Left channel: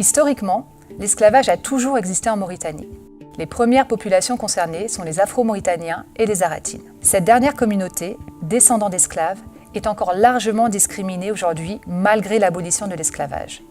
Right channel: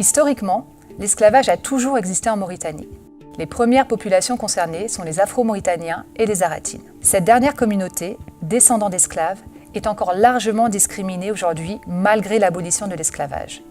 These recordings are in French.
Historiquement, l'esclavage a toujours existé en Mauritanie. Les premières populations concernées sont les Afro-Mauritaniens et les Aratines. Cette dernière communauté, descendant d'esclaves, est encore largement discriminée aujourd'hui malgré l'abolition de l'esclavage.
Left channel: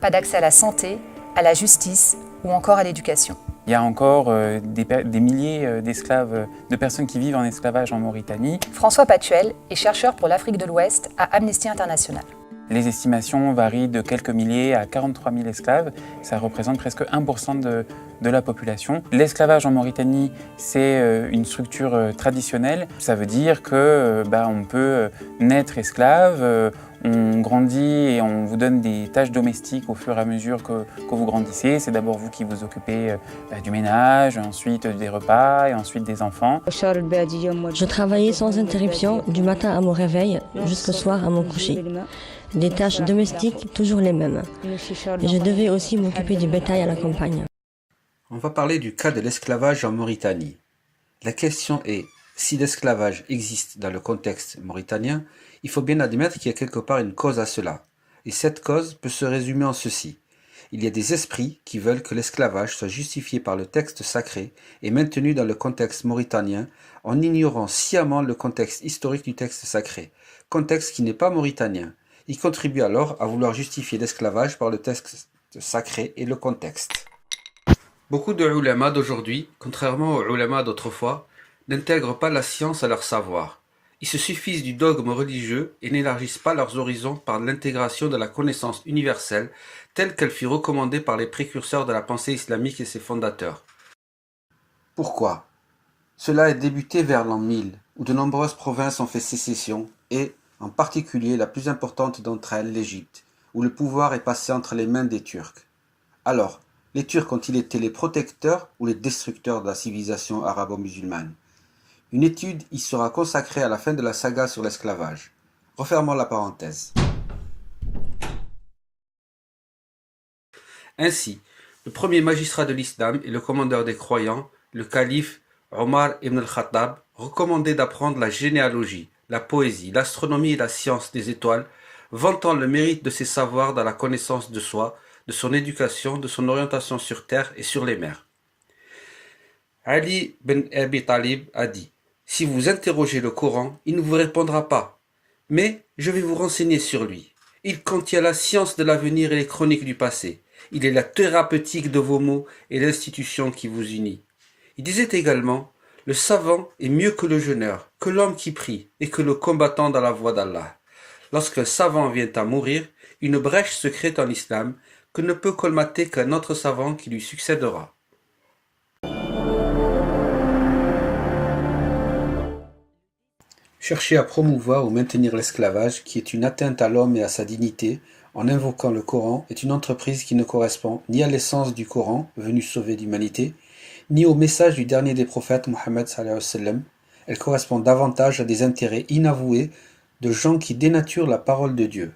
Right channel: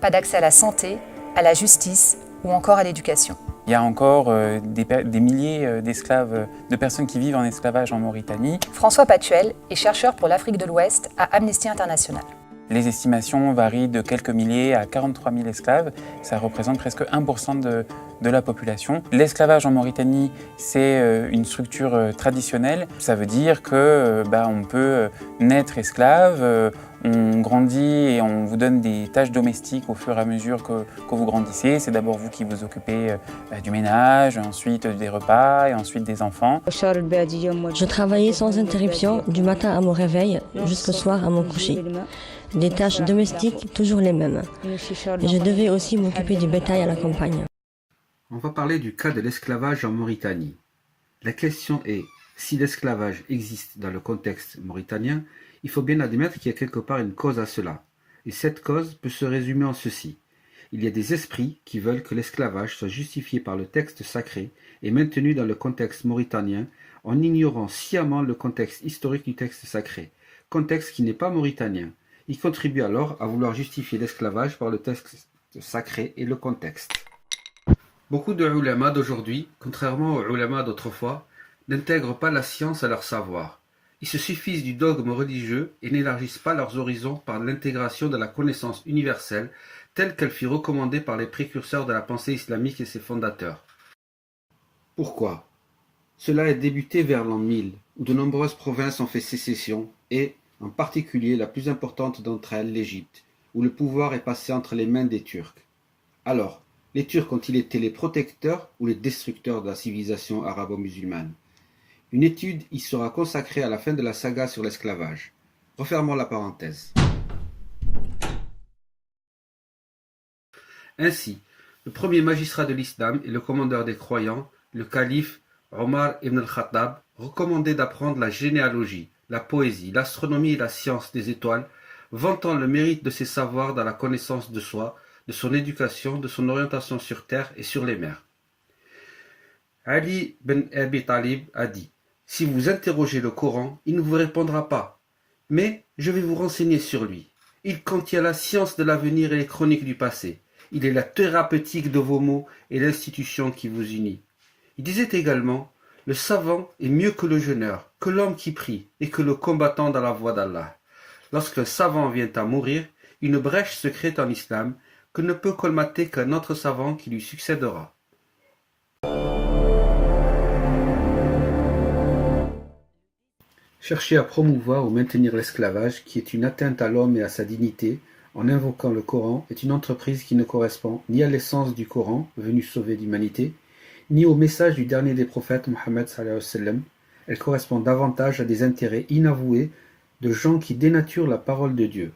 Pas d'accès à la santé, à la justice ou encore à l'éducation. Il y a encore des milliers d'esclaves, de personnes qui vivent en esclavage en Mauritanie. François Patuel est chercheur pour l'Afrique de l'Ouest à Amnesty International. Les estimations varient de quelques milliers à 43 000 esclaves. Ça représente presque 1% de la population. L'esclavage en Mauritanie, c'est une structure traditionnelle. Ça veut dire que on peut naître esclave, on grandit et on vous donne des tâches domestiques au fur et à mesure que vous grandissez. C'est d'abord vous qui vous occupez du ménage, ensuite des repas et ensuite des enfants. Je travaillais sans interruption du matin à mon réveil jusqu'au soir à mon coucher. Les tâches domestiques, toujours les mêmes. Et je devais aussi m'occuper du bétail à la campagne. On va parler du cas de l'esclavage en Mauritanie. La question est, si l'esclavage existe dans le contexte mauritanien, il faut bien admettre qu'il y a quelque part une cause à cela. Et cette cause peut se résumer en ceci. Il y a des esprits qui veulent que l'esclavage soit justifié par le texte sacré et maintenu dans le contexte mauritanien en ignorant sciemment le contexte historique du texte sacré, contexte qui n'est pas mauritanien. Ils contribuent alors à vouloir justifier l'esclavage par le texte sacré et le contexte. Beaucoup de ulama d'aujourd'hui, contrairement aux ulama d'autrefois, n'intègrent pas la science à leur savoir. Ils se suffisent du dogme religieux et n'élargissent pas leurs horizons par l'intégration de la connaissance universelle telle qu'elle fut recommandée par les précurseurs de la pensée islamique et ses fondateurs. Pourquoi ? Cela est débuté vers l'an 1000, où de nombreuses provinces ont fait sécession et, en particulier la plus importante d'entre elles, l'Égypte, où le pouvoir est passé entre les mains des Turcs. Alors, les Turcs ont-ils été les protecteurs ou les destructeurs de la civilisation arabo-musulmane ? Une étude y sera consacrée à la fin de la saga sur l'esclavage. Refermons la parenthèse. Ainsi, le premier magistrat de l'islam et le commandeur des croyants, le calife Omar ibn al-Khattab, recommandait d'apprendre la généalogie, la poésie, l'astronomie et la science des étoiles, vantant le mérite de ses savoirs dans la connaissance de soi, de son éducation, de son orientation sur terre et sur les mers. Ali ibn Abi Talib a dit « Si vous interrogez le Coran, il ne vous répondra pas. Mais je vais vous renseigner sur lui. Il contient la science de l'avenir et les chroniques du passé. Il est la thérapeutique de vos maux et l'institution qui vous unit. » Il disait également « Le savant est mieux que le jeûneur, que l'homme qui prie et que le combattant dans la voie d'Allah. Lorsqu'un savant vient à mourir, une brèche se crée en islam que ne peut colmater qu'un autre savant qui lui succédera. » Chercher à promouvoir ou maintenir l'esclavage, qui est une atteinte à l'homme et à sa dignité, en invoquant le Coran, est une entreprise qui ne correspond ni à l'essence du Coran, venu sauver l'humanité, ni au message du dernier des prophètes, Mohammed sallallahu alayhi wa sallam. Elle correspond davantage à des intérêts inavoués de gens qui dénaturent la parole de Dieu.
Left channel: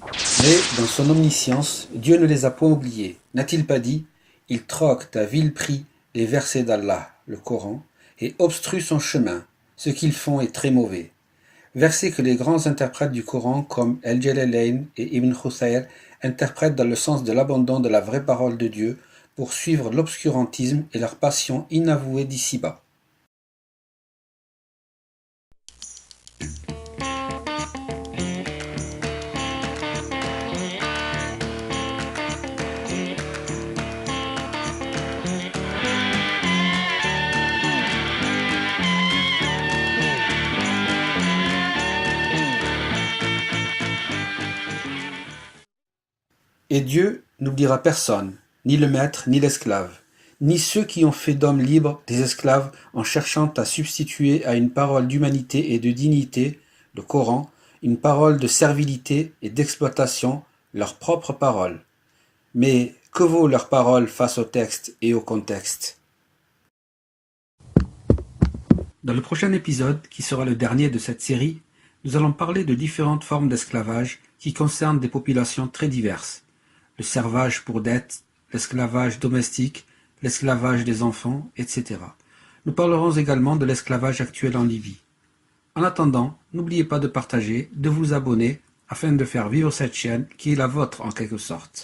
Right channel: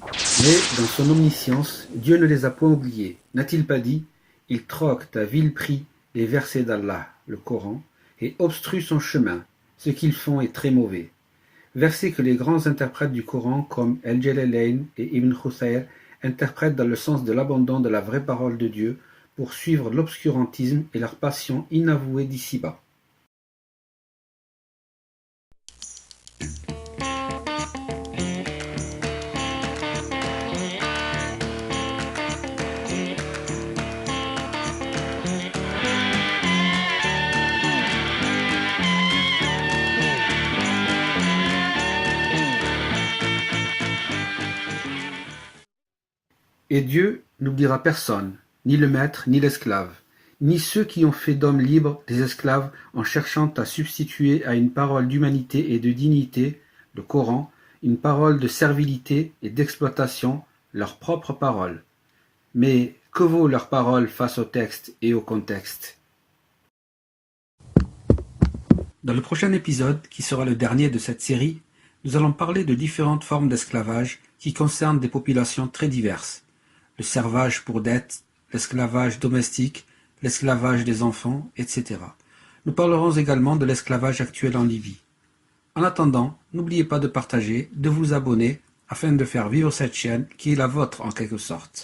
Mais, dans son omniscience, Dieu ne les a point oubliés. N'a-t-il pas dit « Il troque à vil prix les versets d'Allah, le Coran, et obstrue son chemin. Ce qu'ils font est très mauvais. » Versets que les grands interprètes du Coran comme El-Jalalayn et Ibn Khusayr interprètent dans le sens de l'abandon de la vraie parole de Dieu pour suivre l'obscurantisme et leur passion inavouée d'ici-bas. Et Dieu n'oubliera personne, ni le maître, ni l'esclave, ni ceux qui ont fait d'hommes libres des esclaves en cherchant à substituer à une parole d'humanité et de dignité, le Coran, une parole de servilité et d'exploitation, leur propre parole. Mais que vaut leur parole face au texte et au contexte ? Dans le prochain épisode, qui sera le dernier de cette série, nous allons parler de différentes formes d'esclavage qui concernent des populations très diverses. Le servage pour dette, l'esclavage domestique, l'esclavage des enfants, etc. Nous parlerons également de l'esclavage actuel en Libye. En attendant, n'oubliez pas de partager, de vous abonner. afin de faire vivre cette chaîne qui est la vôtre en quelque sorte.